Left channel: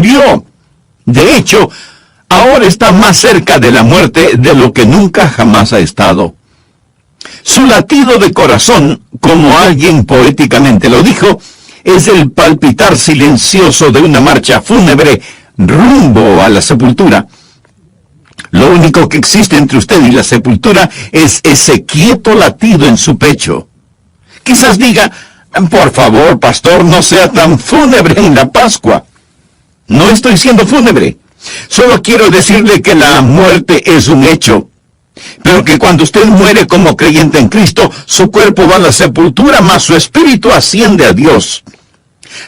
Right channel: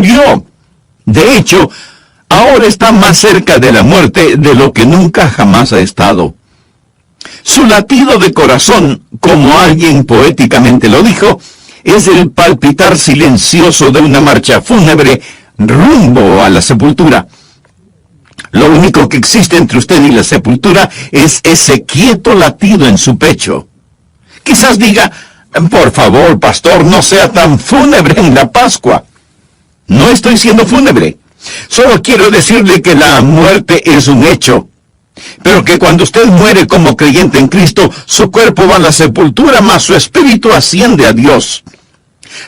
murió. De hecho, ahora está más cerca de la muerte de lo que nunca jamás ha estado. Su latido de corazón, como alguien poéticamente lo dijo, es el palpitar silencioso de una marcha fúnebre rumbo a la sepultura. Lo único que existe entre usted y la sepultura es ese quieto latido en su pecho. Quizás diga, por favor, pastor, no sea tan fúnebre en la Pascua. No estoy siendo fúnebre. Solo quiero decirle que la muerte es un hecho. Pero que cuando usted muere como creyente en Cristo, su cuerpo va a la sepultura, mas su espíritu asciende a Dios.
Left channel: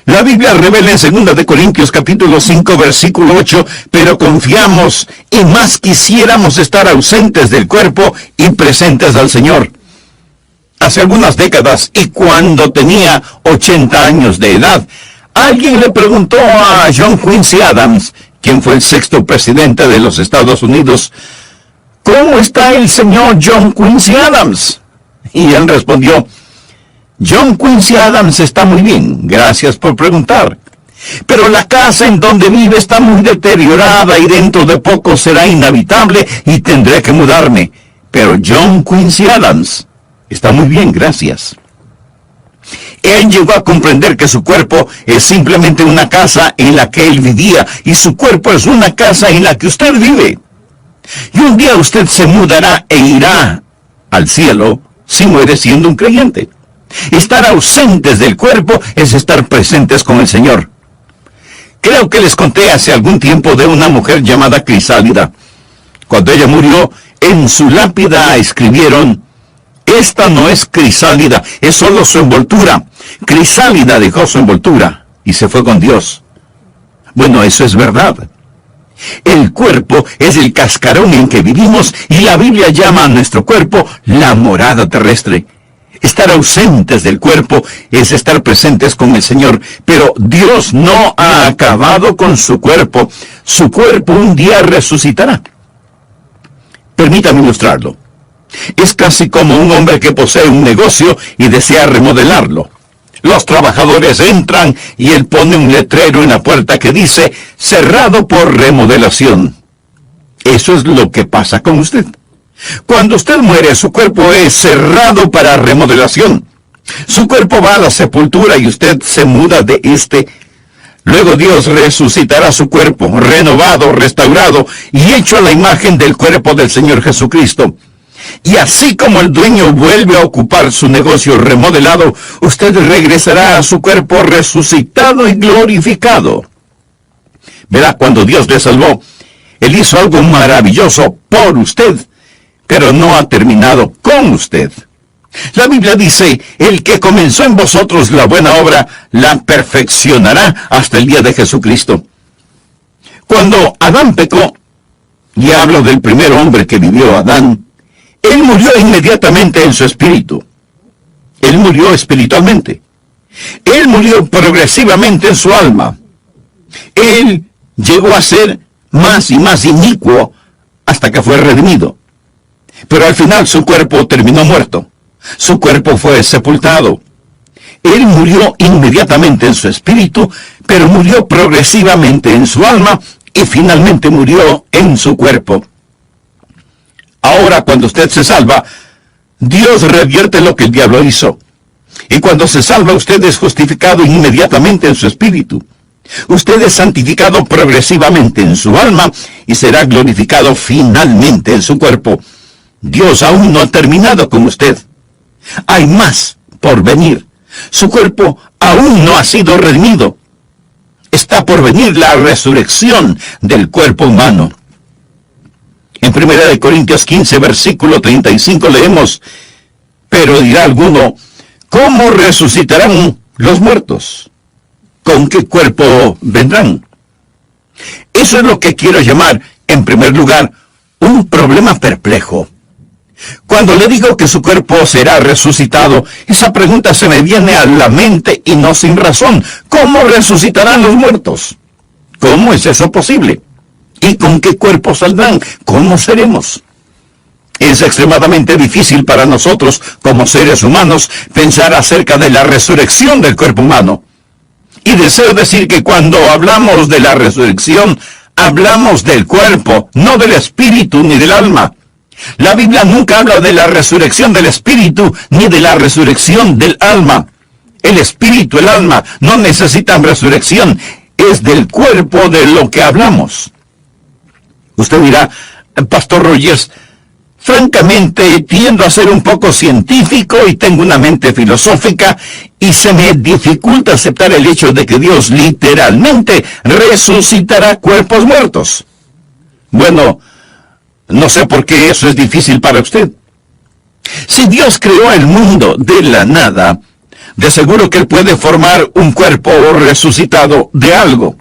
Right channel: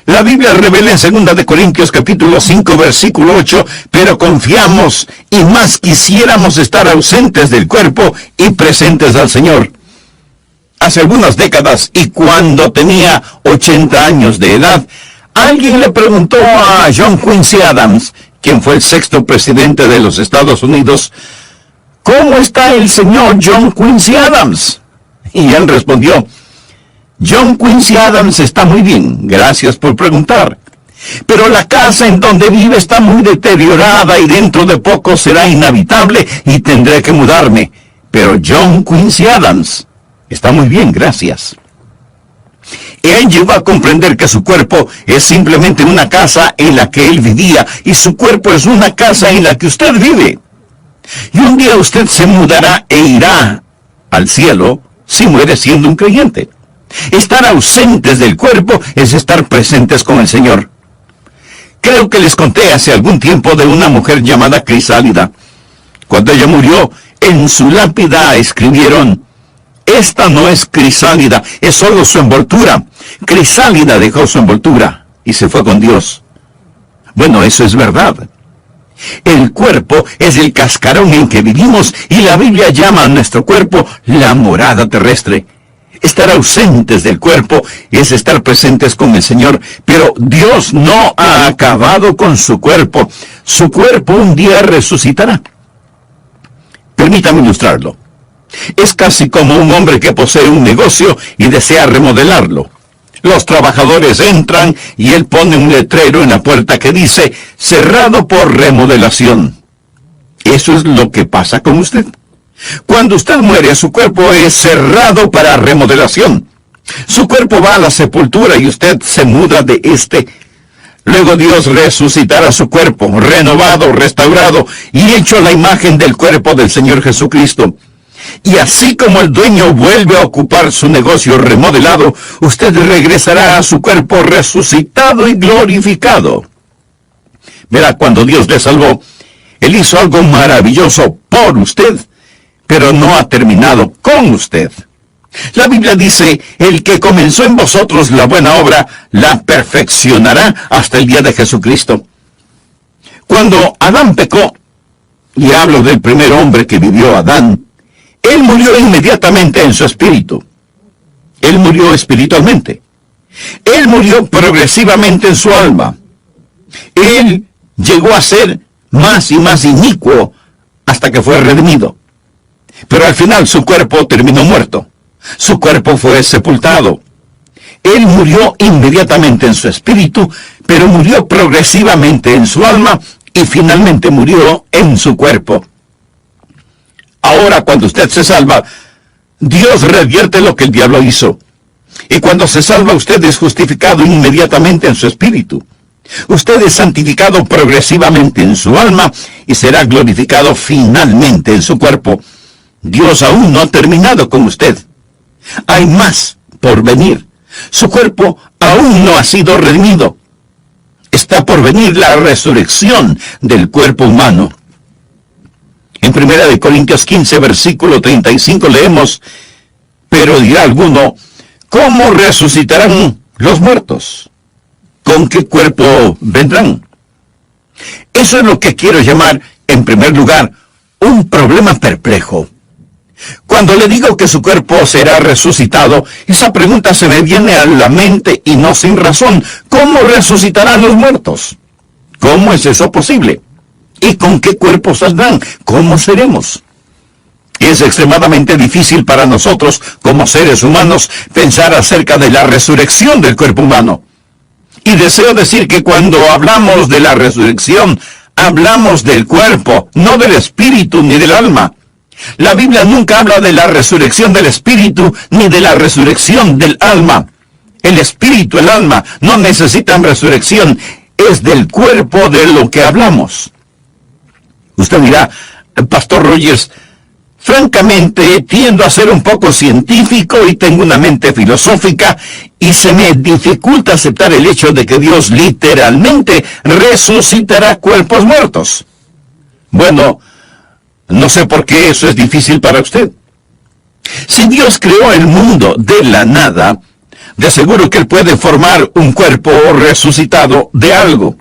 La Biblia revela en 2 de Corintios capítulo 5, versículo 8, pero confiamos y más quisiéramos estar ausentes del cuerpo y presentes al Señor. Hace algunas décadas, y cuando tenía 80 años de edad, alguien le preguntó a John Quincy Adams, quien fue el 6º presidente de los Estados Unidos, ¿cómo está el señor John Quincy Adams? Y él respondió, John Quincy Adams está muy bien, gracias por preguntar. Pero la casa en donde vive está muy deteriorada y dentro de poco será inhabitable y tendré que mudarme. Pero John Quincy Adams está muy bien, gracias. Él llegó a comprender que su cuerpo es simplemente una casa en la que él vivía y su cuerpo es una casa en la que usted vive. Y un día usted se mudará e irá al cielo si muere siendo un creyente. Estar ausentes del cuerpo es estar presentes con el Señor. Creo que les conté hace algún tiempo de una mujer llamada Crisálida. Cuando ella murió, en su lápida escribieron, esta no es Crisálida, es solo su envoltura. Crisálida dejó su envoltura y se fue con Dios. Bueno, eso es verdad. El cuerpo es el cascarón en que vivimos y la Biblia llama a nuestro cuerpo la morada terrestre. Estar ausentes del cuerpo es estar presentes con el Señor, pero Dios no ha acabado con su cuerpo. Su cuerpo un día resucitará. Permítame ilustrarlo. Es casi como un hombre que posee un negocio y desea remodelarlo. Los trabajadores entran y él pone un letrero en la puerta que dice, cerrado por remodelación. Eso es lo que pasa con usted. Cuando usted muere, su cuerpo es cerrado para remodelación. Su cuerpo va a la sepultura y usted se muda de este. Luego Dios resucitará su cuerpo, renovado, restaurado y hecho a la imagen del cuerpo del Señor Jesucristo. Y así como el dueño vuelve a ocupar su negocio remodelado, usted regresará a su cuerpo resucitado y glorificado. Verá, cuando Dios le salvó, Él hizo algo maravilloso por usted, pero no ha terminado con usted. La Biblia dice, el que comenzó en vosotros la buena obra, la perfeccionará hasta el día de Jesucristo. Cuando Adán pecó, y hablo del primer hombre que vivió, Adán, él murió inmediatamente en su espíritu. Él murió espiritualmente. Él murió progresivamente en su alma. Él llegó a ser más y más inicuo hasta que fue redimido. Pero al final su cuerpo terminó muerto. Su cuerpo fue sepultado. Él murió inmediatamente en su espíritu, pero murió progresivamente en su alma y finalmente murió en su cuerpo. Ahora, cuando usted se salva, Dios revierte lo que el diablo hizo. Y cuando se salva, usted es justificado inmediatamente en su espíritu. Usted es santificado progresivamente en su alma y será glorificado finalmente en su cuerpo. Dios aún no ha terminado con usted. Hay más por venir. Su cuerpo aún no ha sido redimido. Está por venir la resurrección del cuerpo humano. En 1 Corintios 15, versículo 35 leemos, pero dirá alguno, ¿cómo resucitarán los muertos? ¿Con qué cuerpo vendrán? Eso es lo que quiero llamar, en primer lugar, un problema perplejo. Cuando le digo que su cuerpo será resucitado, esa pregunta se me viene a la mente y no sin razón. ¿Cómo resucitarán los muertos? ¿Cómo es eso posible? ¿Y con qué cuerpo saldrán? ¿Cómo seremos? Es extremadamente difícil para nosotros, como seres humanos, pensar acerca de la resurrección del cuerpo humano. Y deseo decir que cuando hablamos de la resurrección, hablamos del cuerpo, no del espíritu ni del alma. La Biblia nunca habla de la resurrección del espíritu ni de la resurrección del alma. El espíritu, el alma, no necesitan resurrección. Es del cuerpo de lo que hablamos. Usted dirá, Pastor Rogers, francamente tiendo a ser un poco científico y tengo una mente filosófica y se me dificulta aceptar el hecho de que Dios literalmente resucitará cuerpos muertos. Bueno, no sé por qué eso es difícil para usted. Si Dios creó el mundo de la nada, de seguro que Él puede formar un cuerpo resucitado de algo.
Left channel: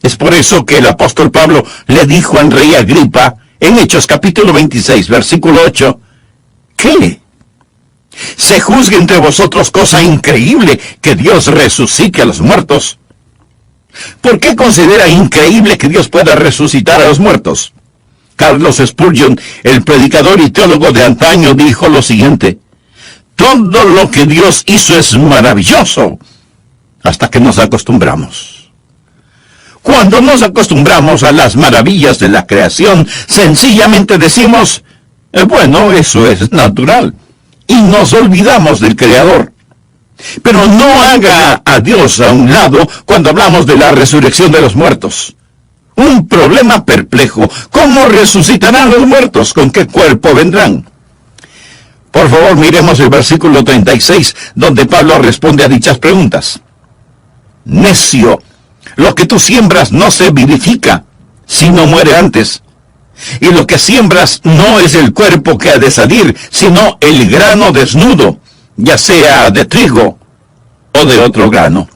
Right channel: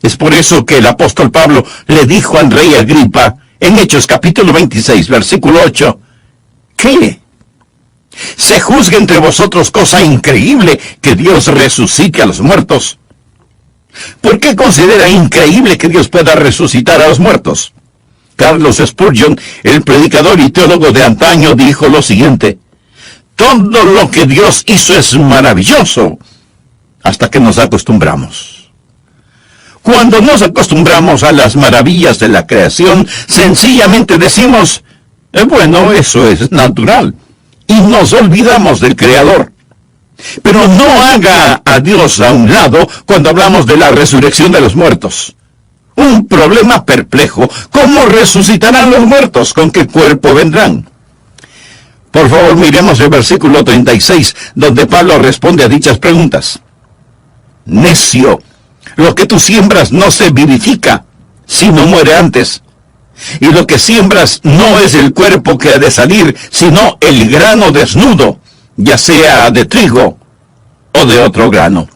Es por eso que el apóstol Pablo le dijo al rey Agripa, en Hechos capítulo 26, versículo 8, ¿qué? ¿Se juzga entre vosotros cosa increíble que Dios resucite a los muertos? ¿Por qué considera increíble que Dios pueda resucitar a los muertos? Carlos Spurgeon, el predicador y teólogo de antaño, dijo lo siguiente: todo lo que Dios hizo es maravilloso hasta que nos acostumbramos. Cuando nos acostumbramos a las maravillas de la creación, sencillamente decimos, bueno, eso es natural, y nos olvidamos del Creador. Pero no haga a Dios a un lado cuando hablamos de la resurrección de los muertos. Un problema perplejo. ¿Cómo resucitarán los muertos? ¿Con qué cuerpo vendrán? Por favor, miremos el versículo 36, donde Pablo responde a dichas preguntas. Necio, lo que tú siembras no se vivifica, sino muere antes. Y lo que siembras no es el cuerpo que ha de salir, sino el grano desnudo, ya sea de trigo o de otro grano.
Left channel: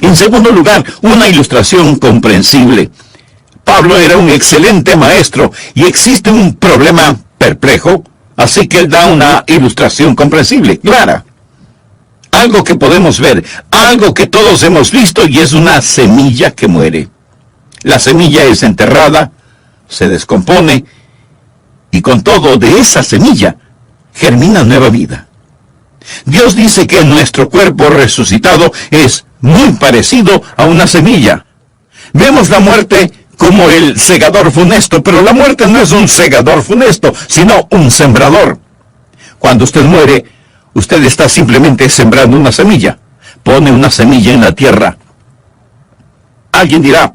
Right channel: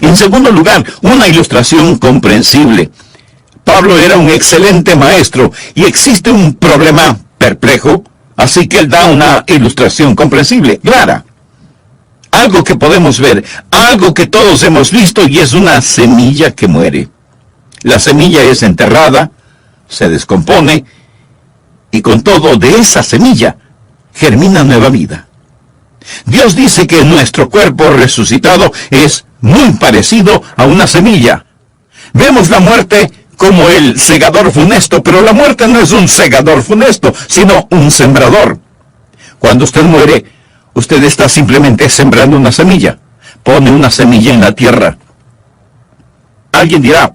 En segundo lugar, una ilustración comprensible. Pablo era un excelente maestro y existe un problema perplejo, así que él da una ilustración comprensible, clara. Algo que podemos ver, algo que todos hemos visto, y es una semilla que muere. La semilla es enterrada, se descompone, y con todo de esa semilla germina nueva vida. Dios dice que nuestro cuerpo resucitado es muy parecido a una semilla. Vemos la muerte como el segador funesto, pero la muerte no es un segador funesto, sino un sembrador. Cuando usted muere, usted está simplemente sembrando una semilla. Pone una semilla en la tierra. Alguien dirá,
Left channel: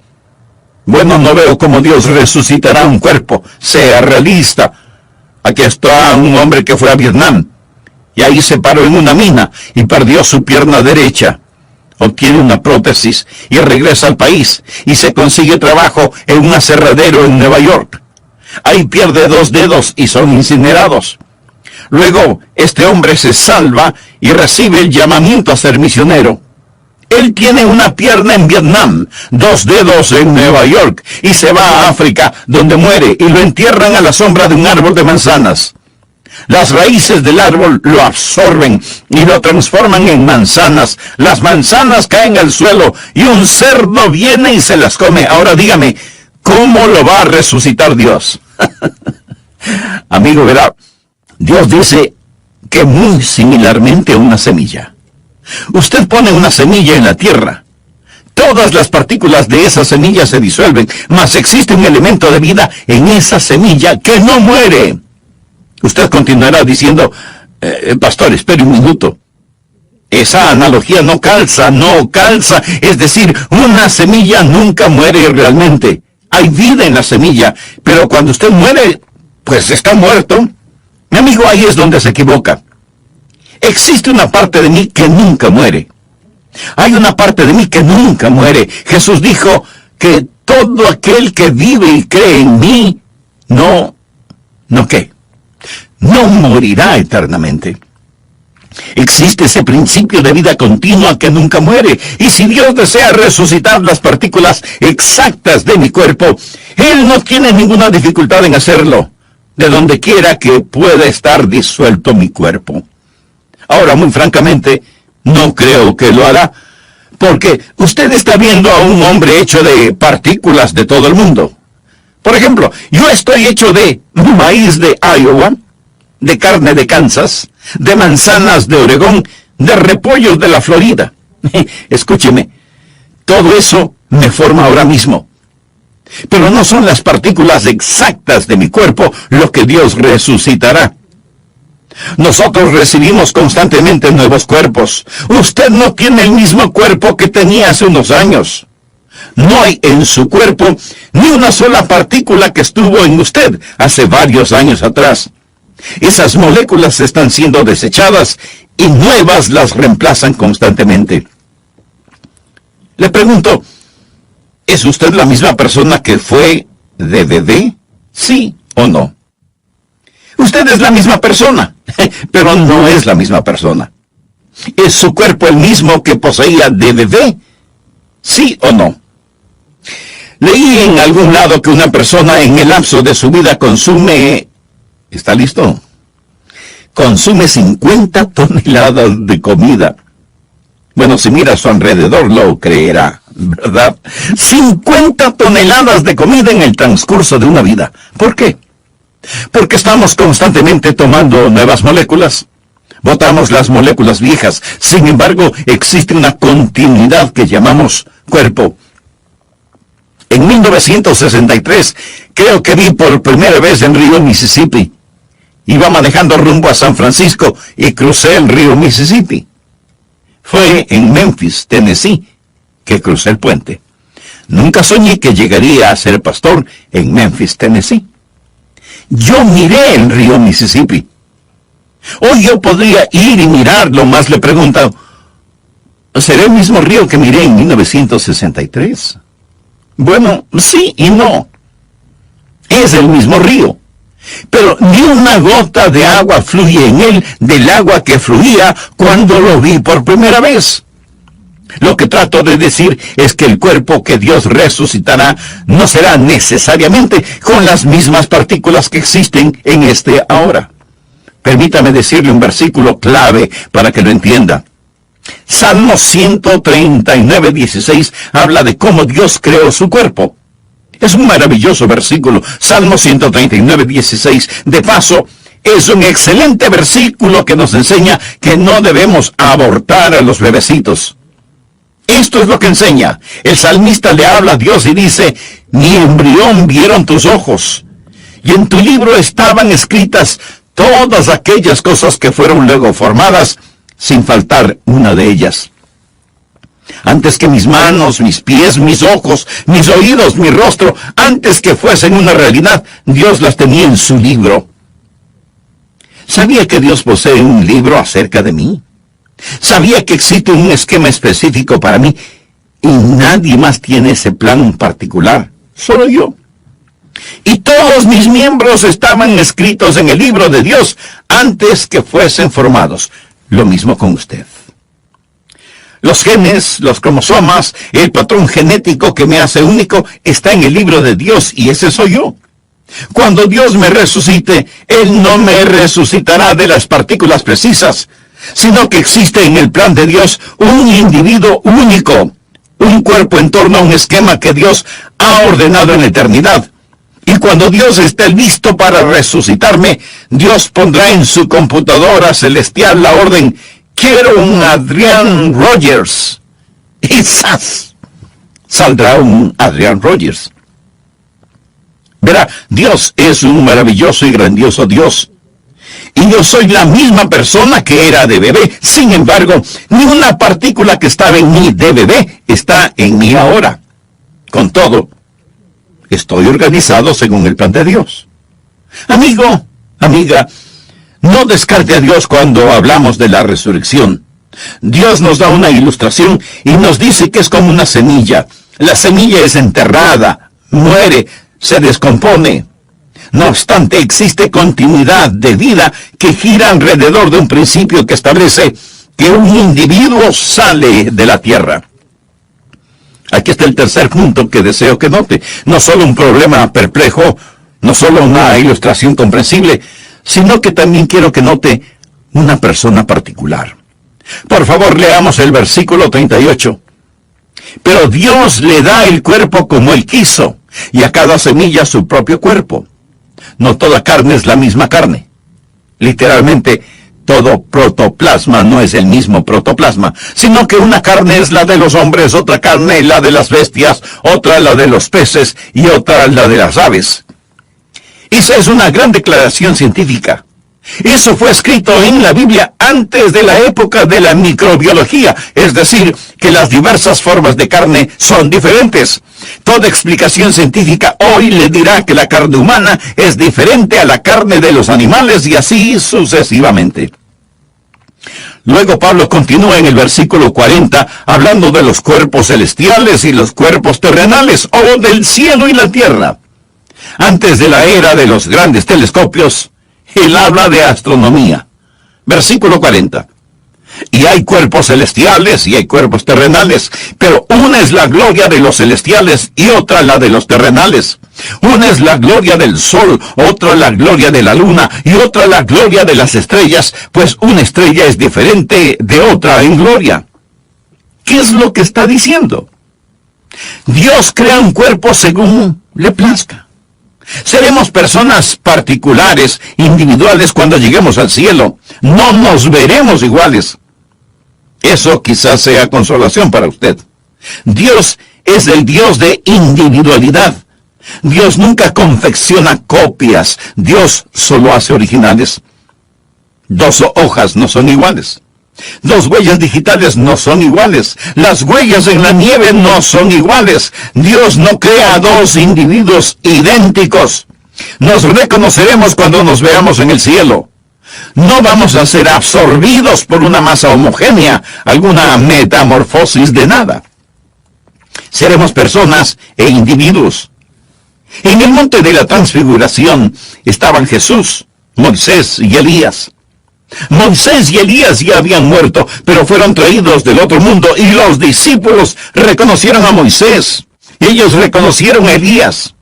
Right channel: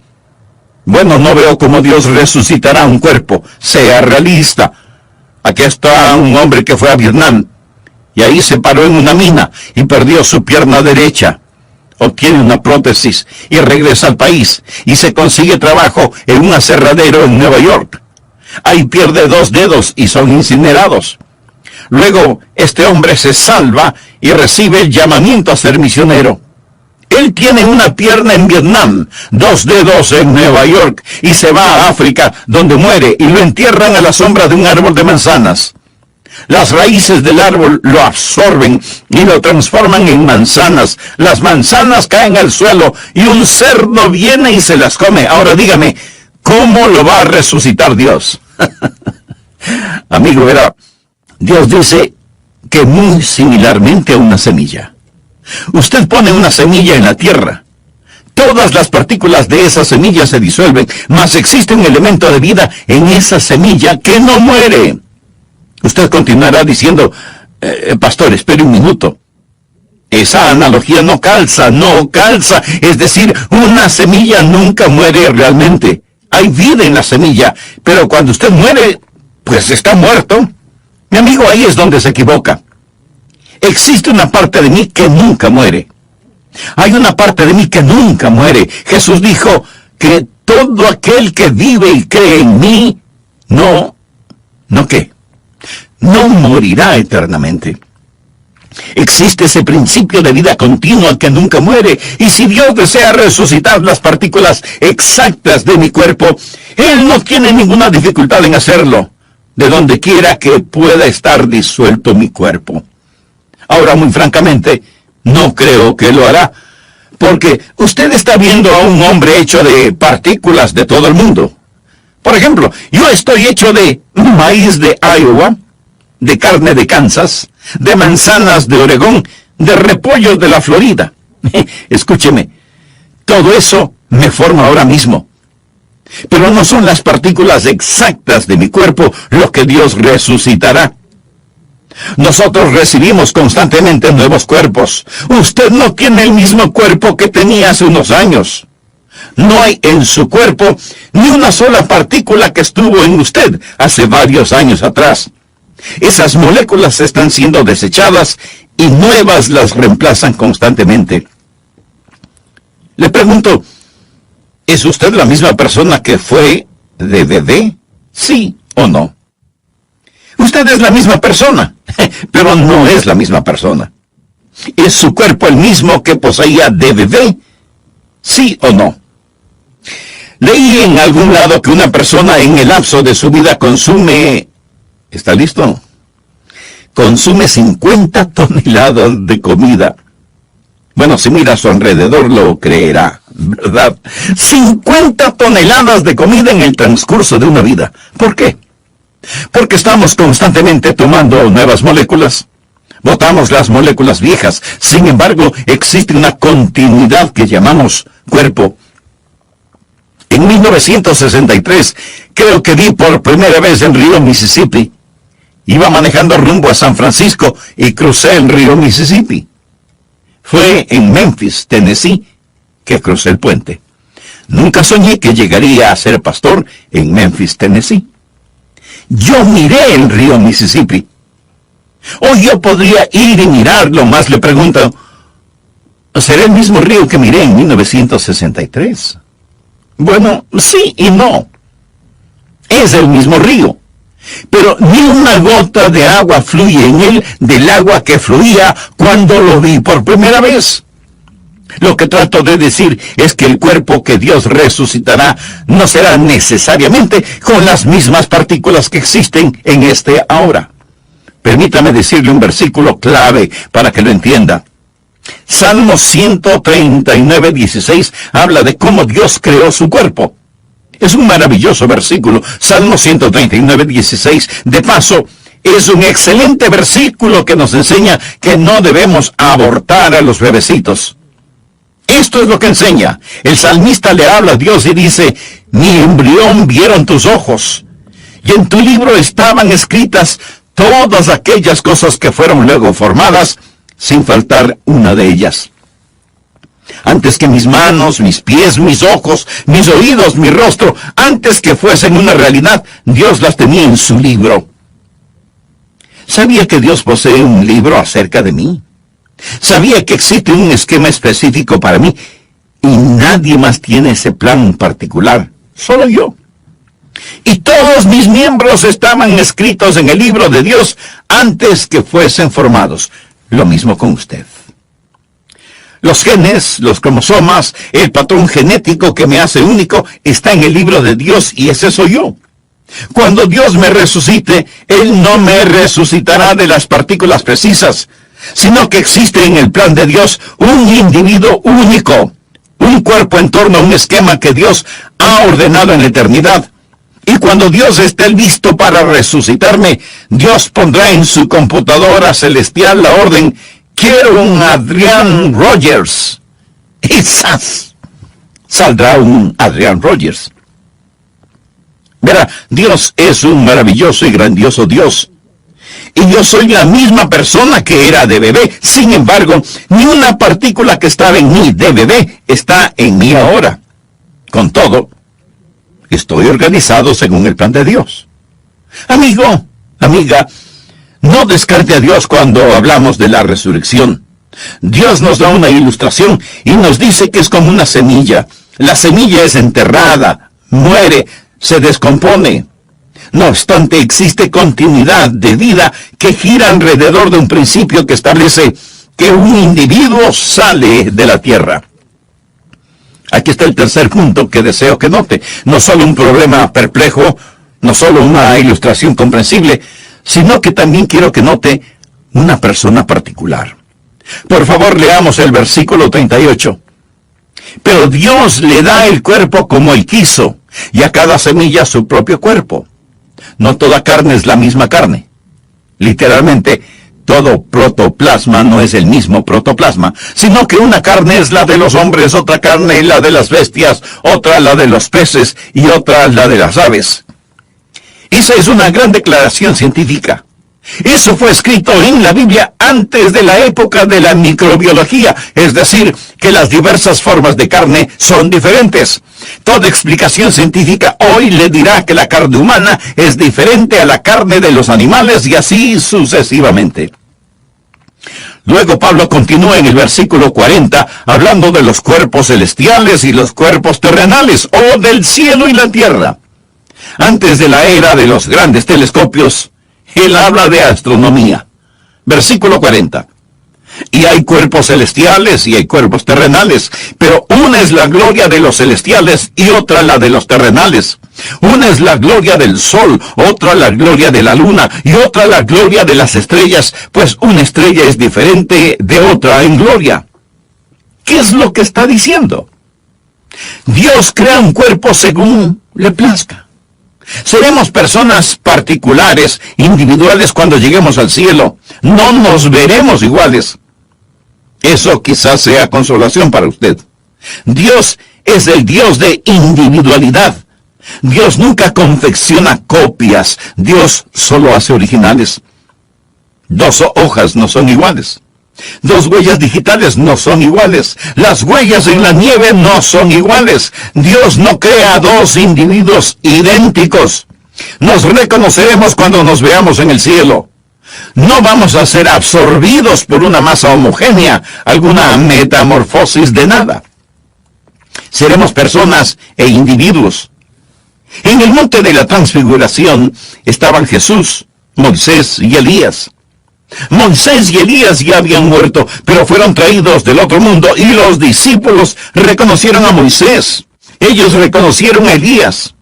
bueno, no veo cómo Dios resucitará un cuerpo. Sea realista. Aquí está un hombre que fue a Vietnam, y ahí se paró en una mina y perdió su pierna derecha. Obtiene una prótesis y regresa al país y se consigue trabajo en un aserradero en Nueva York. Ahí pierde 2 dedos y son incinerados. Luego, este hombre se salva y recibe el llamamiento a ser misionero. Él tiene una pierna en Vietnam, 2 dedos en Nueva York, y se va a África, donde muere, y lo entierran a la sombra de un árbol de manzanas. Las raíces del árbol lo absorben y lo transforman en manzanas. Las manzanas caen al suelo y un cerdo viene y se las come. Ahora dígame, ¿cómo lo va a resucitar Dios? Amigo, verá, Dios dice que muy similarmente a una semilla. Usted pone una semilla en la tierra. Todas las partículas de esa semilla se disuelven, mas existe un elemento de vida en esa semilla que no muere. Usted continuará diciendo, pastor, espere un minuto. Esa analogía no calza. Es decir, una semilla nunca muere realmente. Hay vida en la semilla, pero cuando usted muere, pues está muerto. Mi amigo, ahí es donde se equivoca. Existe una parte de mí que nunca muere. Hay una parte de mí que nunca muere. Jesús dijo que todo aquel que vive y cree en mí, no morirá eternamente. Existe ese principio de vida continua que nunca muere. Y si Dios desea resucitar las partículas exactas de mi cuerpo, Él no tiene ninguna dificultad en hacerlo, de donde quiera que pueda estar disuelto mi cuerpo. Ahora, muy francamente, no creo que lo hará, porque usted está viendo a un hombre hecho de partículas de todo el mundo. Por ejemplo, yo estoy hecho de maíz de Iowa, de carne de Kansas, de manzanas de Oregón, de repollos de la Florida. Escúcheme, todo eso me forma ahora mismo. Pero no son las partículas exactas de mi cuerpo lo que Dios resucitará. Nosotros recibimos constantemente nuevos cuerpos. Usted no tiene el mismo cuerpo que tenía hace unos años. No hay en su cuerpo ni una sola partícula que estuvo en usted hace varios años atrás. Esas moléculas están siendo desechadas y nuevas las reemplazan constantemente. Le pregunto, ¿es usted la misma persona que fue de bebé? ¿Sí o no? Usted es la misma persona, pero no es la misma persona. ¿Es su cuerpo el mismo que poseía de bebé? ¿Sí o no? Leí en algún lado que una persona en el lapso de su vida consume... ¿Está listo? Consume 50 toneladas de comida. Bueno, si mira a su alrededor lo creerá, ¿verdad? 50 toneladas de comida en el transcurso de una vida. ¿Por qué? Porque estamos constantemente tomando nuevas moléculas. Botamos las moléculas viejas. Sin embargo, existe una continuidad que llamamos cuerpo. En 1963, creo que vi por primera vez en Río, Mississippi. Iba manejando rumbo a San Francisco y crucé el río Mississippi. Fue en Memphis, Tennessee, que crucé el puente. Nunca soñé que llegaría a ser pastor en Memphis, Tennessee. Yo miré el río Mississippi. Hoy yo podría ir y mirarlo, más le pregunto, ¿será el mismo río que miré en 1963? Bueno, sí y no. Es el mismo río. Pero ni una gota de agua fluye en él del agua que fluía cuando lo vi por primera vez. Lo que trato de decir es que el cuerpo que Dios resucitará no será necesariamente con las mismas partículas que existen en este ahora. Permítame decirle un versículo clave para que lo entienda. Salmo 139:16 habla de cómo Dios creó su cuerpo. Es un maravilloso versículo, Salmo 139:16. De paso, es un excelente versículo que nos enseña que no debemos abortar a los bebecitos. Esto es lo que enseña. El salmista le habla a Dios y dice, mi embrión vieron tus ojos, y en tu libro estaban escritas todas aquellas cosas que fueron luego formadas, sin faltar una de ellas. Antes que mis manos, mis pies, mis ojos, mis oídos, mi rostro, antes que fuesen una realidad, Dios las tenía en su libro. ¿Sabía que Dios posee un libro acerca de mí? ¿Sabía que existe un esquema específico para mí? Y nadie más tiene ese plan particular, solo yo. Y todos mis miembros estaban escritos en el libro de Dios antes que fuesen formados. Lo mismo con usted. Los genes, los cromosomas, el patrón genético que me hace único está en el libro de Dios y ese soy yo. Cuando Dios me resucite, Él no me resucitará de las partículas precisas, sino que existe en el plan de Dios un individuo único, un cuerpo en torno a un esquema que Dios ha ordenado en la eternidad. Y cuando Dios esté listo para resucitarme, Dios pondrá en su computadora celestial la orden, quiero un Adrian Rogers. Y ¡zas! Saldrá un Adrian Rogers. Verá, Dios es un maravilloso y grandioso Dios. Y yo soy la misma persona que era de bebé. Sin embargo, ni una partícula que estaba en mí de bebé está en mí ahora. Con todo, estoy organizado según el plan de Dios. Amigo, amiga, no descarte a Dios cuando hablamos de la resurrección. Dios nos da una ilustración y nos dice que es como una semilla. La semilla es enterrada, muere, se descompone. No obstante, existe continuidad de vida que gira alrededor de un principio que establece que un individuo sale de la tierra. Aquí está el tercer punto que deseo que note. No solo un problema perplejo, no solo una ilustración comprensible, sino que también quiero que note una persona particular. Por favor, leamos el versículo 38. Pero Dios le da el cuerpo como Él quiso, y a cada semilla su propio cuerpo. No toda carne es la misma carne. Literalmente, Todo protoplasma no es el mismo protoplasma, sino que una carne es la de los hombres, otra carne la de las bestias, otra la de los peces y otra la de las aves. Esa es una gran declaración científica. Eso fue escrito en la Biblia antes de la época de la microbiología, es decir, que las diversas formas de carne son diferentes. Toda explicación científica hoy le dirá que la carne humana es diferente a la carne de los animales y así sucesivamente. Luego Pablo continúa en el versículo 40 hablando de los cuerpos celestiales y los cuerpos terrenales, o del cielo y la tierra. Antes de la era de los grandes telescopios, él habla de astronomía. Versículo 40. Y hay cuerpos celestiales y hay cuerpos terrenales, pero una es la gloria de los celestiales y otra la de los terrenales. Una es la gloria del sol, otra la gloria de la luna y otra la gloria de las estrellas, pues una estrella es diferente de otra en gloria. ¿Qué es lo que está diciendo? Dios crea un cuerpo según le plazca. Seremos personas particulares, individuales cuando lleguemos al cielo. No nos veremos iguales. Eso quizás sea consolación para usted. Dios es el Dios de individualidad. Dios nunca confecciona copias. Dios solo hace originales. 2 hojas no son iguales. 2 huellas digitales no son iguales. Las huellas en la nieve no son iguales. Dios no crea 2 individuos idénticos. Nos reconoceremos cuando nos veamos en el cielo. No vamos a ser absorbidos por una masa homogénea, alguna metamorfosis de nada. Seremos personas e individuos. En el monte de la transfiguración estaban Jesús, Moisés y Elías. Moisés y Elías ya habían muerto, pero fueron traídos del otro mundo y los discípulos reconocieron a Moisés. Ellos reconocieron a Elías.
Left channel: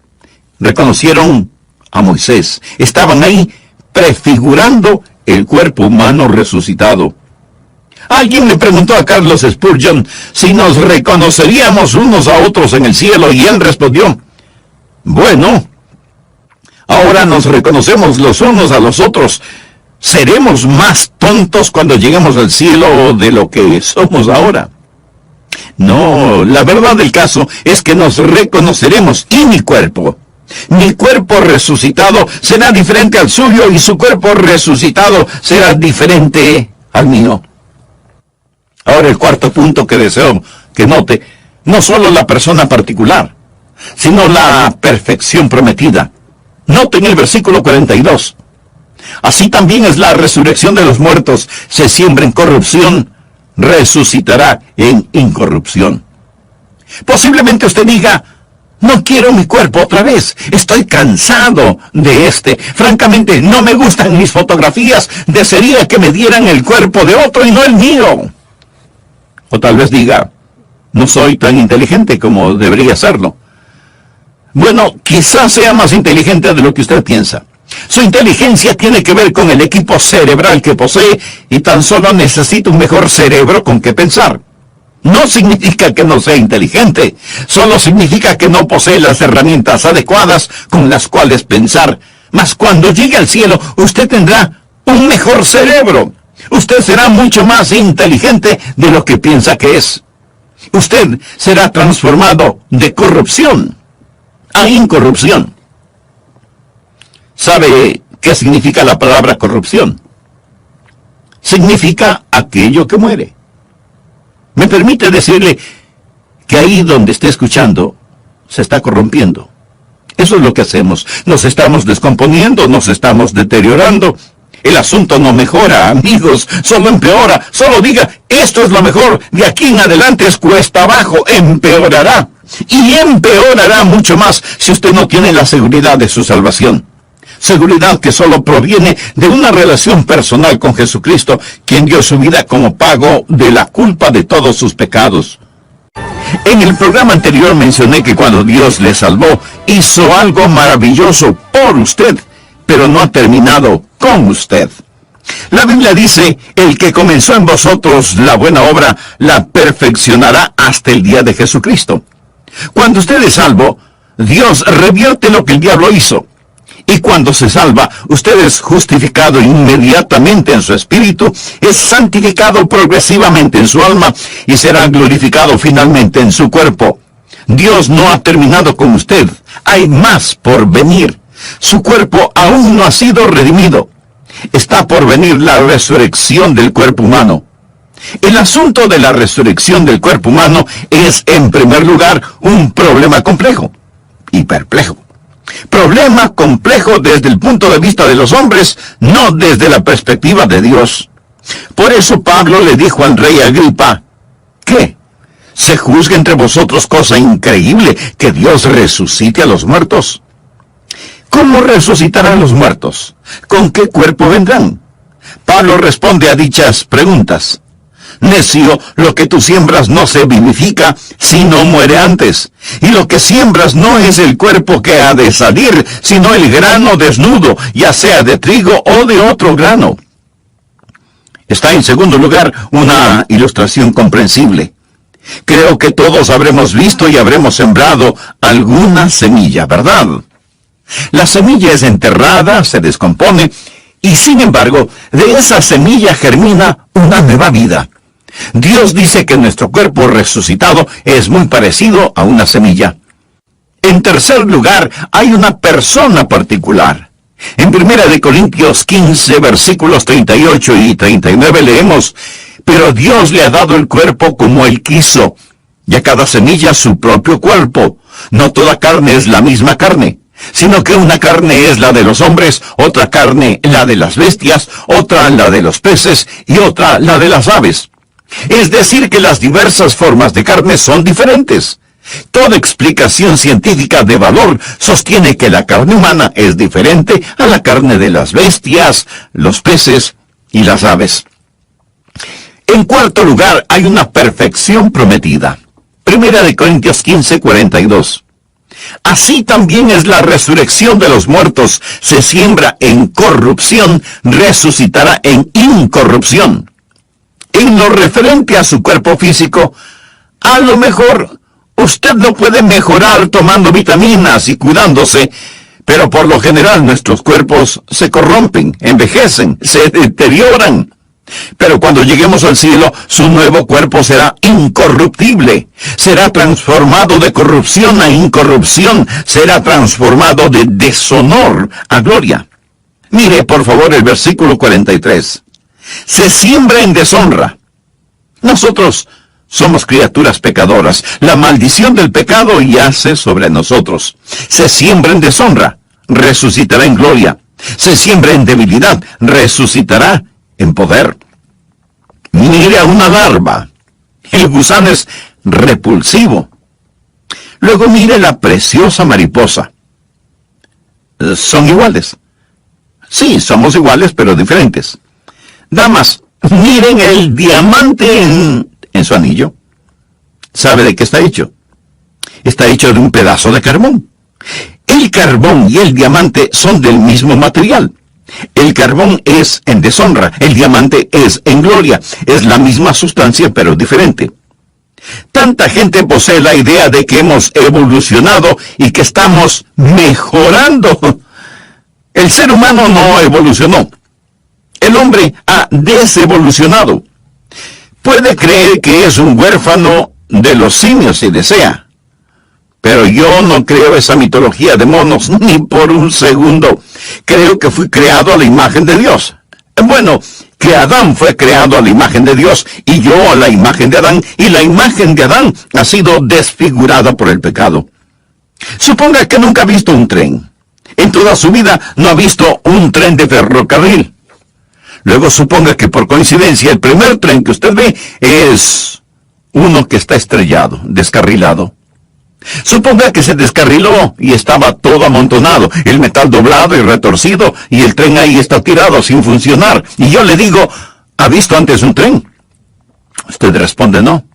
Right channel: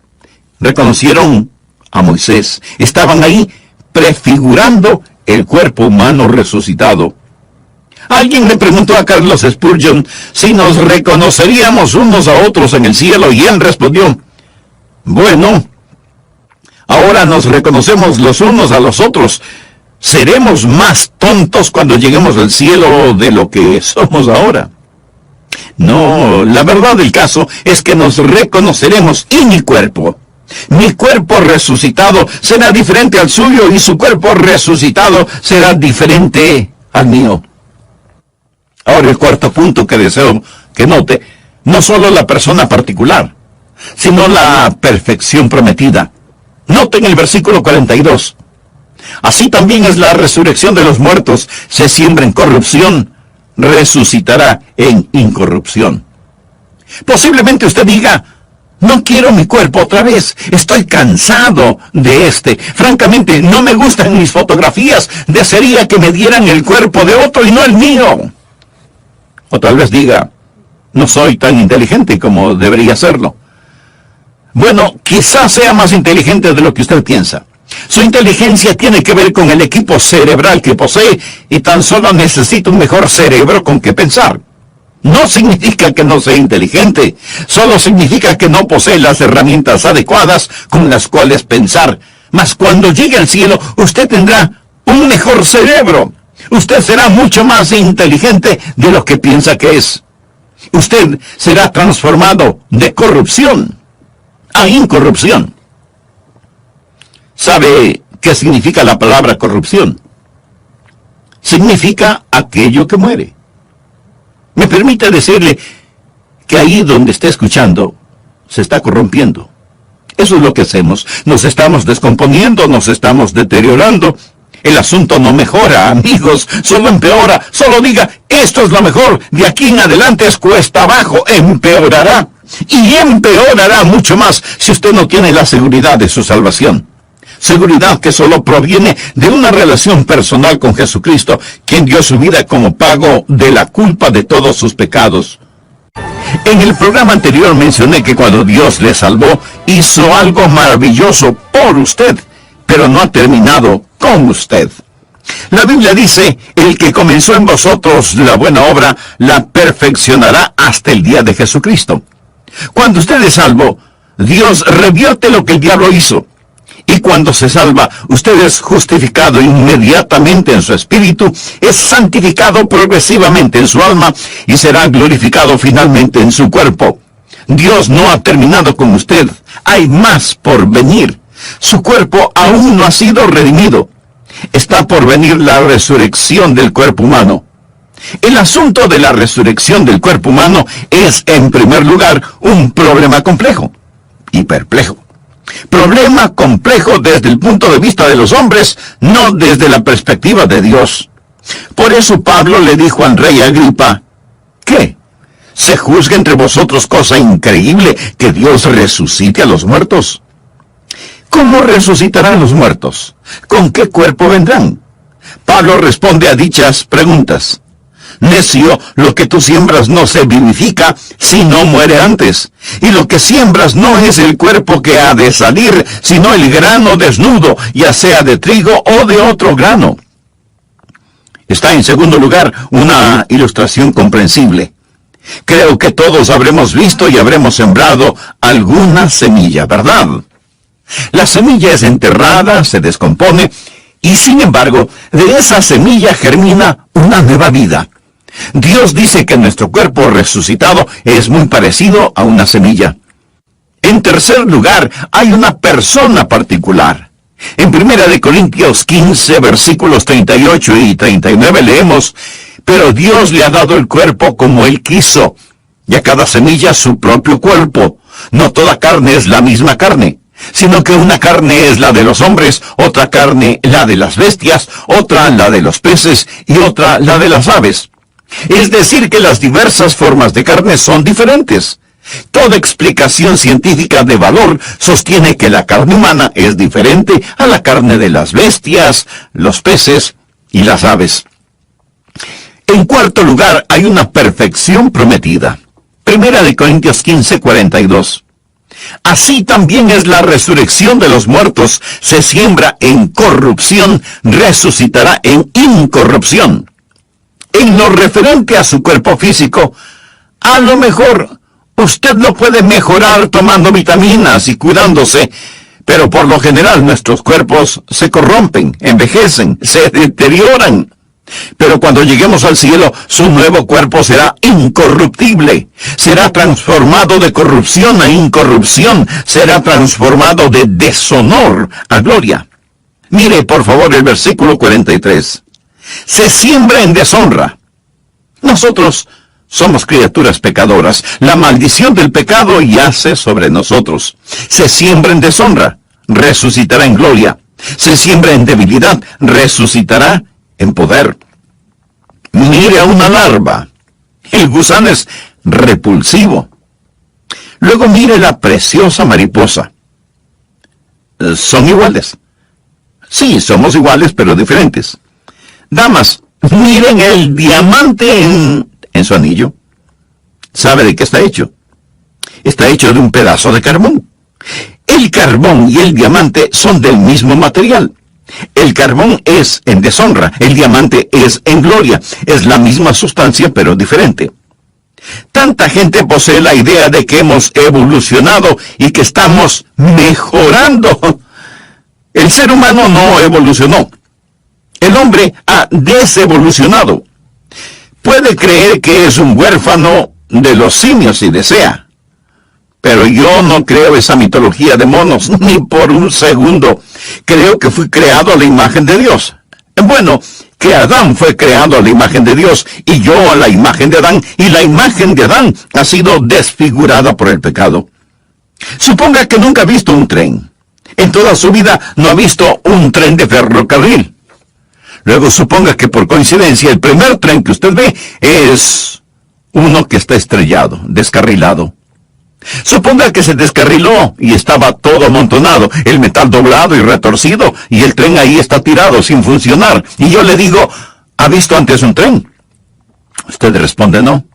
Reconocieron a Moisés. Estaban ahí prefigurando el cuerpo humano resucitado. Alguien le preguntó a Carlos Spurgeon si nos reconoceríamos unos a otros en el cielo y él respondió, bueno, ahora nos reconocemos los unos a los otros. ¿Seremos más tontos cuando lleguemos al cielo de lo que somos ahora? No, la verdad del caso es que nos reconoceremos y mi cuerpo resucitado será diferente al suyo y su cuerpo resucitado será diferente al mío. Ahora el cuarto punto que deseo que note, no solo la persona particular, sino la perfección prometida. Noten el versículo 42. Así también es la resurrección de los muertos. Se siembra en corrupción, resucitará en incorrupción. Posiblemente usted diga, no quiero mi cuerpo otra vez. Estoy cansado de este. Francamente, no me gustan mis fotografías. Desearía que me dieran el cuerpo de otro y no el mío. O tal vez diga, no soy tan inteligente como debería serlo. Bueno, quizás sea más inteligente de lo que usted piensa. Su inteligencia tiene que ver con el equipo cerebral que posee y tan solo necesita un mejor cerebro con que pensar. No significa que no sea inteligente, solo significa que no posee las herramientas adecuadas con las cuales pensar. Mas cuando llegue al cielo, usted tendrá un mejor cerebro. Usted será mucho más inteligente de lo que piensa que es. Usted será transformado de corrupción a incorrupción. ¿Sabe qué significa la palabra corrupción? Significa aquello que muere. Me permite decirle que ahí donde esté escuchando, se está corrompiendo. Eso es lo que hacemos. Nos estamos descomponiendo, nos estamos deteriorando. El asunto no mejora, amigos, solo empeora. Solo diga, esto es lo mejor, de aquí en adelante es cuesta abajo, empeorará. Y empeorará mucho más si usted no tiene la seguridad de su salvación. Seguridad que solo proviene de una relación personal con Jesucristo, quien dio su vida como pago de la culpa de todos sus pecados. En el programa anterior mencioné que cuando Dios le salvó, hizo algo maravilloso por usted, pero no ha terminado con usted. La Biblia dice, el que comenzó en vosotros la buena obra, la perfeccionará hasta el día de Jesucristo. Cuando usted es salvo, Dios revierte lo que el diablo hizo. Y cuando se salva, usted es justificado inmediatamente en su espíritu, es santificado progresivamente en su alma y será glorificado finalmente en su cuerpo. Dios no ha terminado con usted. Hay más por venir. Su cuerpo aún no ha sido redimido. Está por venir la resurrección del cuerpo humano. El asunto de la resurrección del cuerpo humano es, en primer lugar, un problema complejo y perplejo. Problema complejo desde el punto de vista de los hombres, no desde la perspectiva de Dios. Por eso Pablo le dijo al rey Agripa, ¿qué? ¿Se juzga entre vosotros cosa increíble que Dios resucite a los muertos? ¿Cómo resucitarán los muertos? ¿Con qué cuerpo vendrán? Pablo responde a dichas preguntas. Necio, lo que tú siembras no se vivifica, sino muere antes. Y lo que siembras no es el cuerpo que ha de salir, sino el grano desnudo, ya sea de trigo o de otro grano. Está en segundo lugar una ilustración comprensible. Creo que todos habremos visto y habremos sembrado alguna semilla, ¿verdad? La semilla es enterrada, se descompone, y sin embargo, de esa semilla germina una nueva vida. Dios dice que nuestro cuerpo resucitado es muy parecido a una semilla. En tercer lugar, hay una persona particular. En 1 Corintios 15, versículos 38 y 39 leemos, pero Dios le ha dado el cuerpo como Él quiso, y a cada semilla su propio cuerpo. No toda carne es la misma carne, sino que una carne es la de los hombres, otra carne la de las bestias, otra la de los peces y otra la de las aves. Es decir, que las diversas formas de carne son diferentes. Toda explicación científica de valor sostiene que la carne humana es diferente a la carne de las bestias, los peces y las aves. En cuarto lugar, hay una perfección prometida. 1 Corintios 15, 42. Así también es la resurrección de los muertos. Se siembra en corrupción, resucitará en incorrupción. En lo referente a su cuerpo físico, a lo mejor usted lo puede mejorar tomando vitaminas y cuidándose, pero por lo general nuestros cuerpos se corrompen, envejecen, se deterioran. Pero cuando lleguemos al cielo, su nuevo cuerpo será incorruptible. Será transformado de corrupción a incorrupción. Será transformado de deshonor a gloria. Mire, por favor, el versículo 43. Se siembra en deshonra. Nosotros somos criaturas pecadoras. La maldición del pecado yace sobre nosotros. Se siembra en deshonra, resucitará en gloria. Se siembra en debilidad, resucitará en poder. Mire a una larva. El gusano es repulsivo. Luego mire la preciosa mariposa. Son iguales. Sí, somos iguales, pero diferentes. Damas, miren el diamante en su anillo. ¿Sabe de qué está hecho? Está hecho de un pedazo de carbón. El carbón y el diamante son del mismo material. El carbón es en deshonra, el diamante es en gloria. Es la misma sustancia, pero diferente. Tanta gente posee la idea de que hemos evolucionado y que estamos mejorando. El ser humano no evolucionó. El hombre ha desevolucionado. Puede creer que es un huérfano de los simios si desea. Pero yo no creo esa mitología de monos ni por un segundo. Creo que fui creado a la imagen de Dios. Bueno, que Adán fue creado a la imagen de Dios y yo a la imagen de Adán, y la imagen de Adán ha sido desfigurada por el pecado. Suponga que nunca ha visto un tren. En toda su vida no ha visto un tren de ferrocarril. Luego suponga que por coincidencia el primer tren que usted ve es uno que está estrellado, descarrilado. Suponga que se descarriló y estaba todo amontonado, el metal doblado y retorcido, y el tren ahí está tirado sin funcionar. Y yo le digo, ¿ha visto antes un tren? Usted responde no.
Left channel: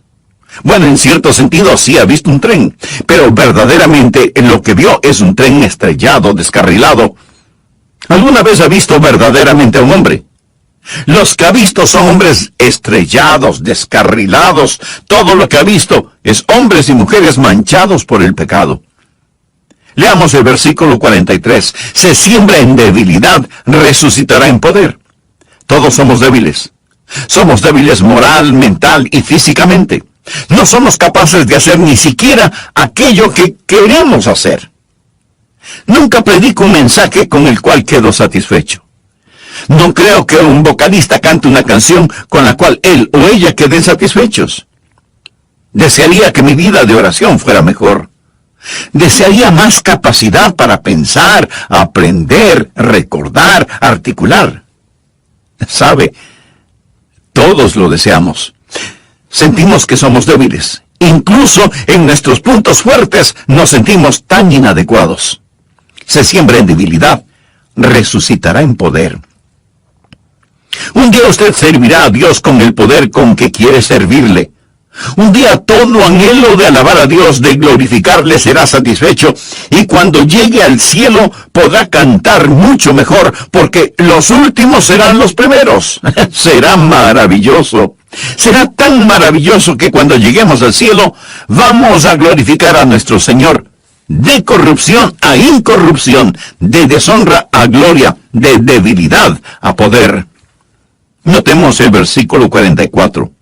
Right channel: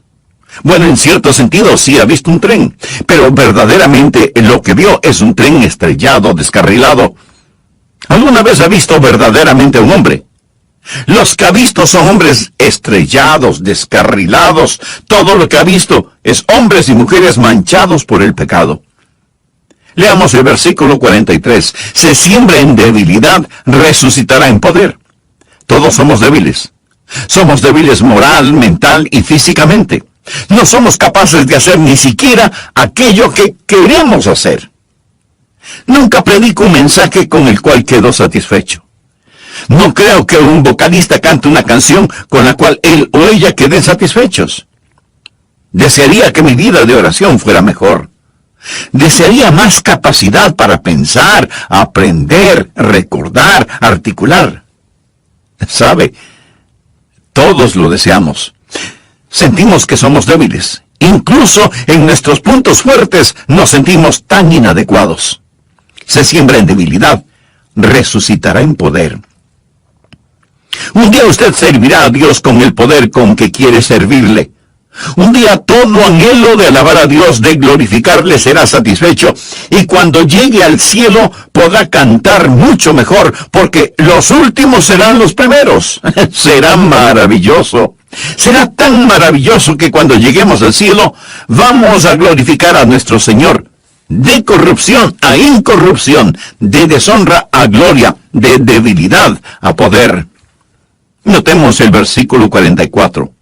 Bueno, en cierto sentido sí ha visto un tren, pero verdaderamente lo que vio es un tren estrellado, descarrilado. ¿Alguna vez ha visto verdaderamente a un hombre? Los que ha visto son hombres estrellados, descarrilados. Todo lo que ha visto es hombres y mujeres manchados por el pecado. Leamos el versículo 43. Se siembra en debilidad, resucitará en poder. Todos somos débiles. Somos débiles moral, mental y físicamente. No somos capaces de hacer ni siquiera aquello que queremos hacer. Nunca predico un mensaje con el cual quedo satisfecho. No creo que un vocalista cante una canción con la cual él o ella queden satisfechos. Desearía que mi vida de oración fuera mejor. Desearía más capacidad para pensar, aprender, recordar, articular. ¿Sabe? Todos lo deseamos. Sentimos que somos débiles. Incluso en nuestros puntos fuertes nos sentimos tan inadecuados. Se siembra en debilidad, resucitará en poder. Un día usted servirá a Dios con el poder con que quiere servirle. Un día todo anhelo de alabar a Dios, de glorificarle, será satisfecho, y cuando llegue al cielo podrá cantar mucho mejor, porque los últimos serán los primeros. Será maravilloso. Será tan maravilloso que cuando lleguemos al cielo vamos a glorificar a nuestro Señor, de corrupción a incorrupción, de deshonra a gloria, de debilidad a poder. Notemos el versículo 44.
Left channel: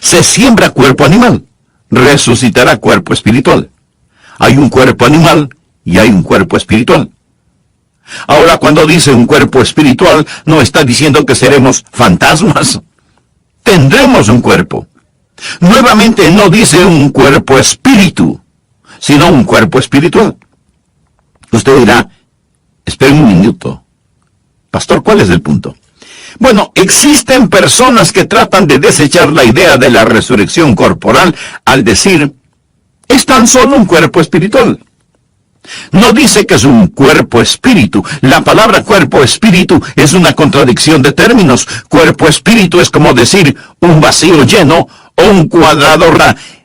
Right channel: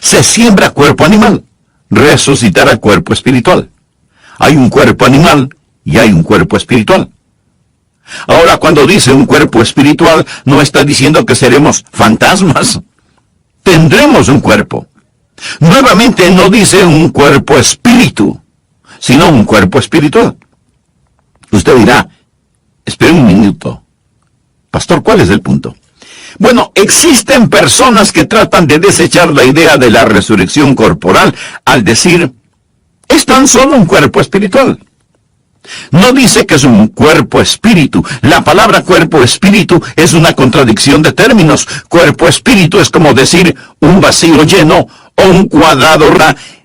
Se siembra cuerpo animal, resucitará cuerpo espiritual. Hay un cuerpo animal y hay un cuerpo espiritual. Ahora, cuando dice un cuerpo espiritual, no está diciendo que seremos fantasmas. Tendremos un cuerpo. Nuevamente no dice un cuerpo espíritu, sino un cuerpo espiritual. Usted dirá, espere un minuto. Pastor, ¿cuál es el punto? Bueno, existen personas que tratan de desechar la idea de la resurrección corporal al decir, es tan solo un cuerpo espiritual. No dice que es un cuerpo espíritu. La palabra cuerpo espíritu es una contradicción de términos. Cuerpo espíritu es como decir un vacío lleno o un cuadrado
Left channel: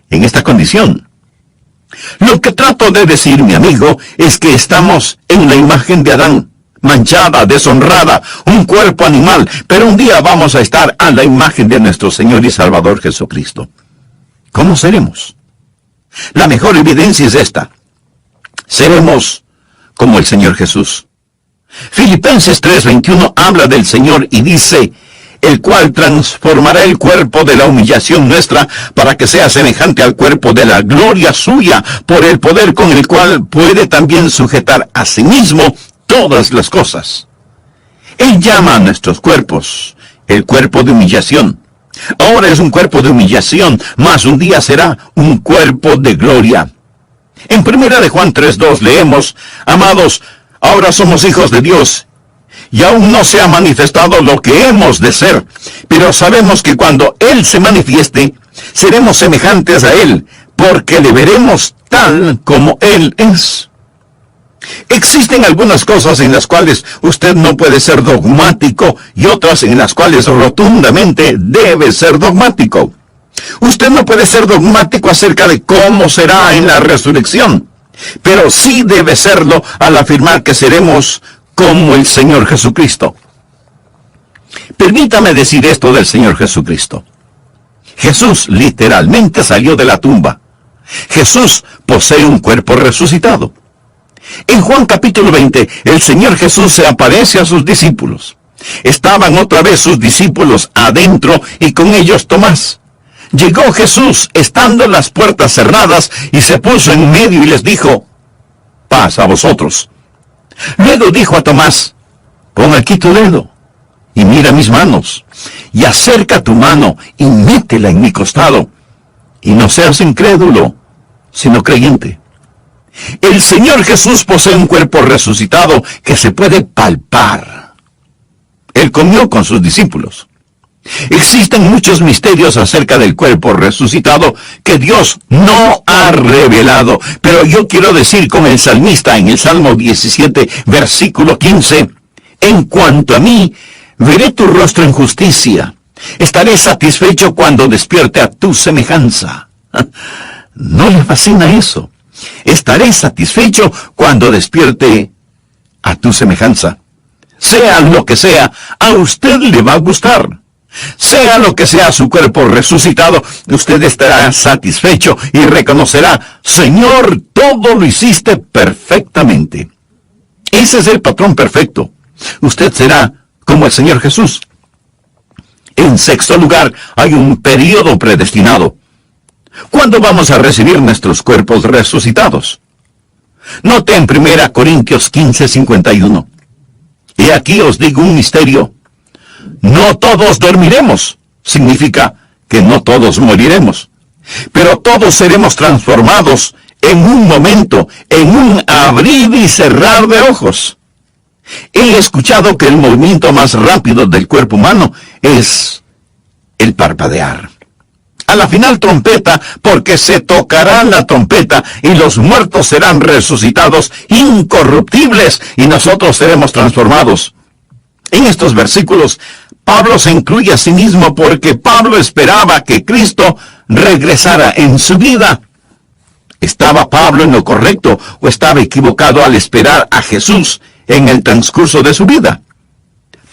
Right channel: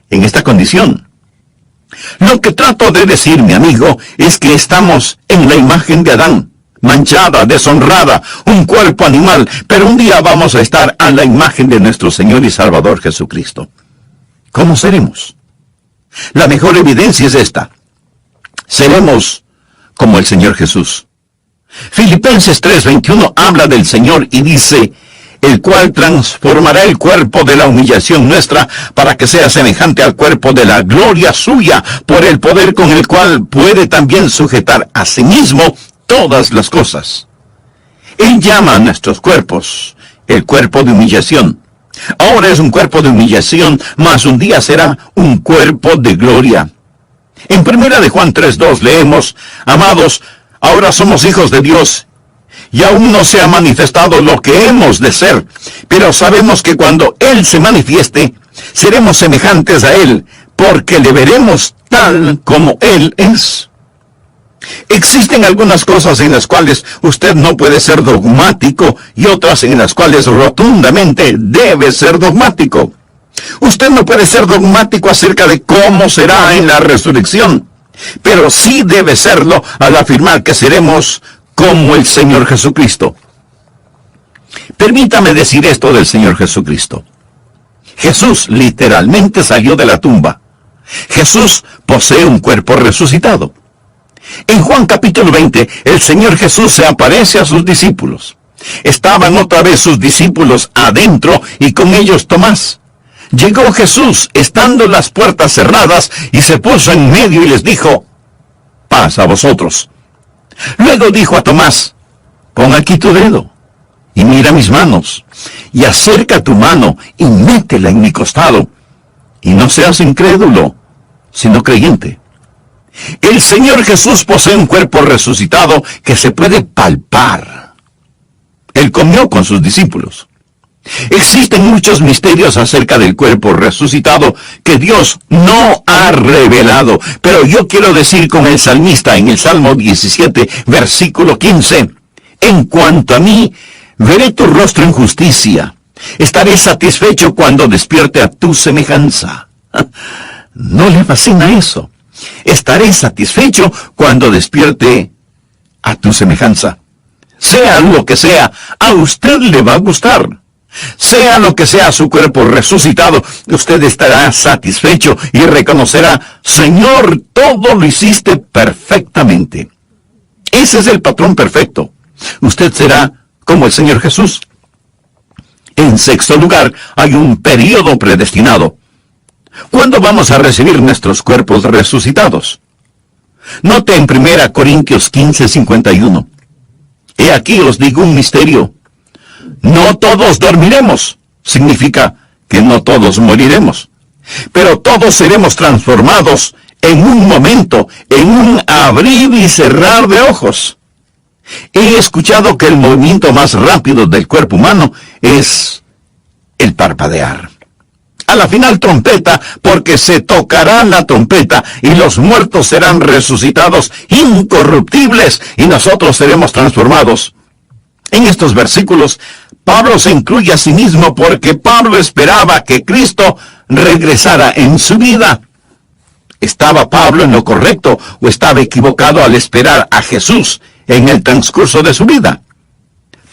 en esta condición. Lo que trato de decir, mi amigo, es que estamos en la imagen de Adán. Manchada, deshonrada, un cuerpo animal, pero un día vamos a estar a la imagen de nuestro Señor y Salvador Jesucristo. ¿Cómo seremos? La mejor evidencia es esta. Seremos como el Señor Jesús. Filipenses 3:21 habla del Señor y dice, el cual transformará el cuerpo de la humillación nuestra para que sea semejante al cuerpo de la gloria suya, por el poder con el cual puede también sujetar a sí mismo todas las cosas. Él llama a nuestros cuerpos el cuerpo de humillación. Ahora es un cuerpo de humillación, mas un día será un cuerpo de gloria. En 1 de Juan 3:2 leemos, amados, ahora somos hijos de Dios, y aún no se ha manifestado lo que hemos de ser, pero sabemos que cuando Él se manifieste, seremos semejantes a Él, porque le veremos tal como Él es. Existen algunas cosas en las cuales usted no puede ser dogmático y otras en las cuales rotundamente debe ser dogmático. Usted no puede ser dogmático acerca de cómo será en la resurrección, pero sí debe serlo al afirmar que seremos como el Señor Jesucristo. Permítame decir esto del Señor Jesucristo. Jesús literalmente salió de la tumba. Jesús posee un cuerpo resucitado. En Juan capítulo 20, el Señor Jesús se aparece a sus discípulos. Estaban otra vez sus discípulos adentro y con ellos Tomás. Llegó Jesús estando las puertas cerradas y se puso en medio y les dijo, paz a vosotros. Luego dijo a Tomás, pon aquí tu dedo y mira mis manos, y acerca tu mano y métela en mi costado, y no seas incrédulo, sino creyente. El Señor Jesús posee un cuerpo resucitado que se puede palpar. Él comió con sus discípulos. Existen muchos misterios acerca del cuerpo resucitado que Dios no ha revelado, pero yo quiero decir con el salmista en el Salmo 17, versículo 15, en cuanto a mí, veré tu rostro en justicia, estaré satisfecho cuando despierte a tu semejanza. ¿No le fascina eso? Estaré satisfecho cuando despierte a tu semejanza. Sea lo que sea, a usted le va a gustar. Sea lo que sea su cuerpo resucitado, usted estará satisfecho y reconocerá: Señor, todo lo hiciste perfectamente. Ese es el patrón perfecto. Usted será como el Señor Jesús. En sexto lugar, hay un período predestinado. ¿Cuándo vamos a recibir nuestros cuerpos resucitados? Note en 1 Corintios 15:51. He aquí os digo un misterio. No todos dormiremos. Significa que no todos moriremos. Pero todos seremos transformados en un momento, en un abrir y cerrar de ojos. He escuchado que el movimiento más rápido del cuerpo humano es el parpadear. A la final trompeta, porque se tocará la trompeta y los muertos serán resucitados incorruptibles y nosotros seremos transformados. En estos versículos, Pablo se incluye a sí mismo porque Pablo esperaba que Cristo regresara en su vida. ¿Estaba Pablo en lo correcto o estaba equivocado al esperar a Jesús en el transcurso de su vida?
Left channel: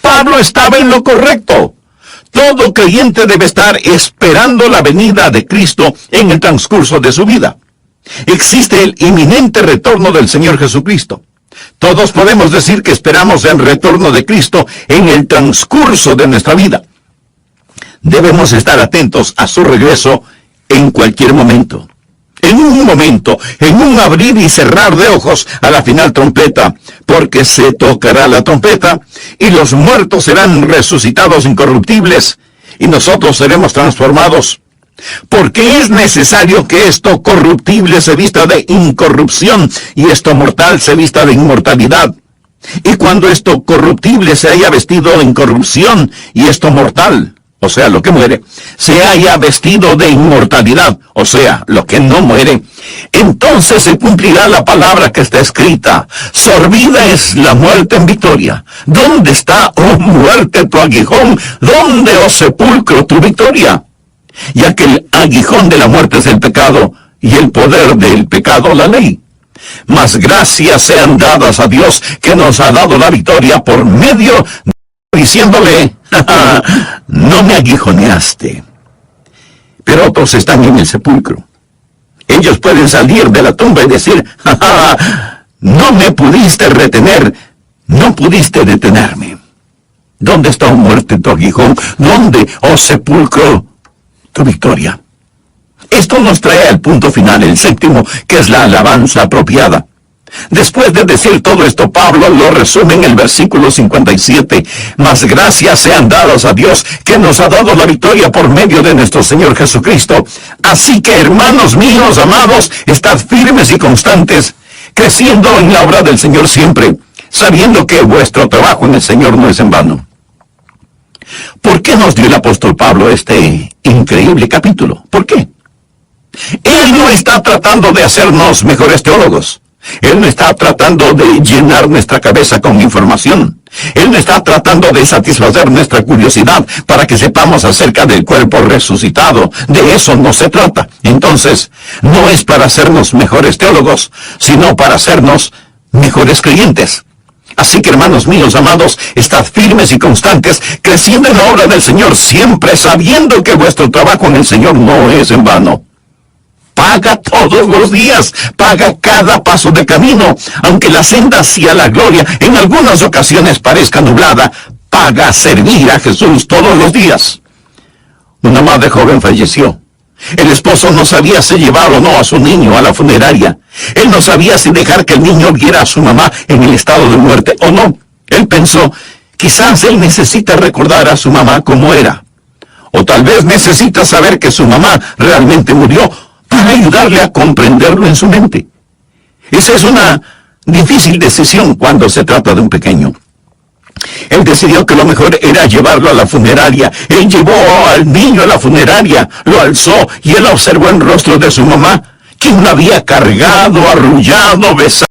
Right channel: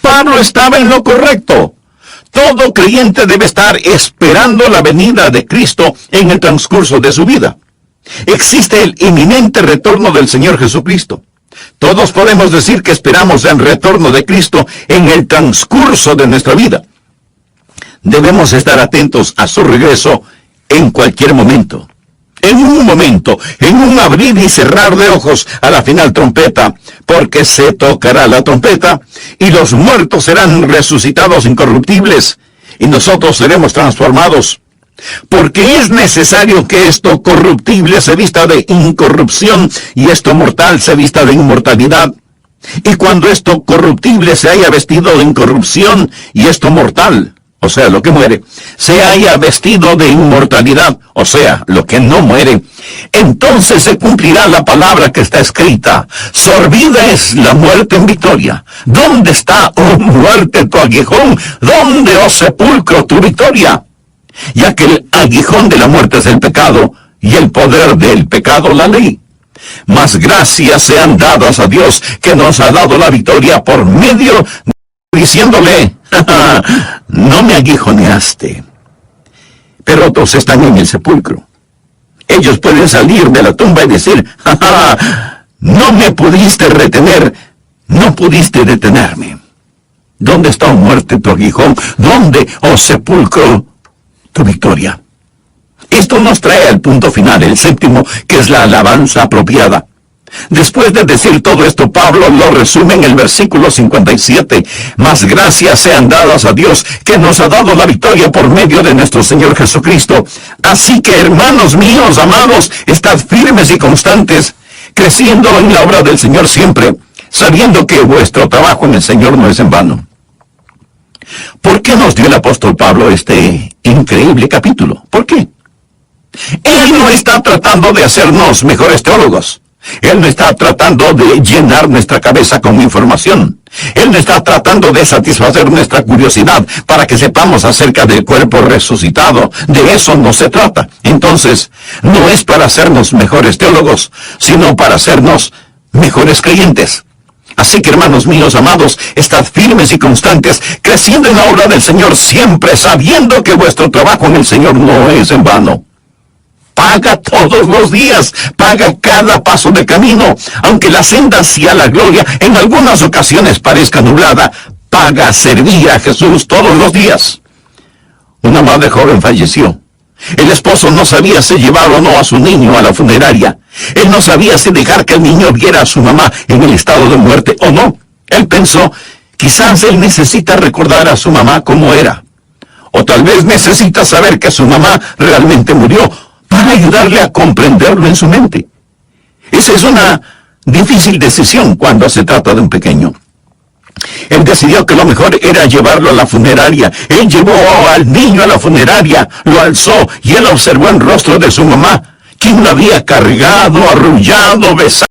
Pablo estaba en lo correcto. Todo creyente debe estar esperando la venida de Cristo en el transcurso de su vida. Existe el inminente retorno del Señor Jesucristo. Todos podemos decir que esperamos el retorno de Cristo en el transcurso de nuestra vida. Debemos estar atentos a su regreso en cualquier momento. En un momento, en un abrir y cerrar de ojos a la final trompeta, porque se tocará la trompeta y los muertos serán resucitados incorruptibles y nosotros seremos transformados. Porque es necesario que esto corruptible se vista de incorrupción y esto mortal se vista de inmortalidad. Y cuando esto corruptible se haya vestido de incorrupción y esto mortal, o sea, lo que muere, se haya vestido de inmortalidad, o sea, lo que no muere, entonces se cumplirá la palabra que está escrita: sorbida es la muerte en victoria. ¿Dónde está, oh muerte, tu aguijón? ¿Dónde, oh sepulcro, tu victoria? Ya que el aguijón de la muerte es el pecado, y el poder del pecado la ley. Mas gracias sean dadas a Dios, que nos ha dado la victoria por medio de diciéndole: no me aguijoneaste. Pero otros están en el sepulcro. Ellos pueden salir de la tumba y decir: no me pudiste retener, no pudiste detenerme. ¿Dónde está, oh muerte, tu aguijón? ¿Dónde, oh sepulcro, tu victoria? Esto nos trae al punto final, el séptimo, que es la alabanza apropiada. Después de decir todo esto, Pablo lo resume en el versículo 57. Mas gracias sean dadas a Dios, que nos ha dado la victoria por medio de nuestro Señor Jesucristo. Así que, hermanos míos amados, estad firmes y constantes, creciendo en la obra del Señor siempre, sabiendo que vuestro trabajo en el Señor no es en vano. ¿Por qué nos dio el apóstol Pablo este increíble capítulo? ¿Por qué? Él no está tratando de hacernos mejores teólogos. Él no está tratando de llenar nuestra cabeza con información. Él no está tratando de satisfacer nuestra curiosidad para que sepamos acerca del cuerpo resucitado. De eso no se trata. Entonces, no es para hacernos mejores teólogos, sino para hacernos mejores creyentes. Así que, hermanos míos amados, estad firmes y constantes, creciendo en la obra del Señor siempre, sabiendo que vuestro trabajo en el Señor no es en vano. Paga todos los días, paga cada paso de camino, aunque la senda hacia la gloria en algunas ocasiones parezca nublada. Paga servir a Jesús todos los días. Una madre joven falleció. El esposo no sabía si llevar o no a su niño a la funeraria. Él no sabía si dejar que el niño viera a su mamá en el estado de muerte o no. Él pensó: quizás él necesita recordar a su mamá como era. O tal vez necesita saber que su mamá realmente murió, para ayudarle a comprenderlo en su mente. Esa es una difícil decisión cuando se trata de un pequeño. Él decidió que lo mejor era llevarlo a la funeraria. Él llevó al niño a la funeraria, lo alzó y él observó el rostro de su mamá, quien lo había cargado, arrullado, besado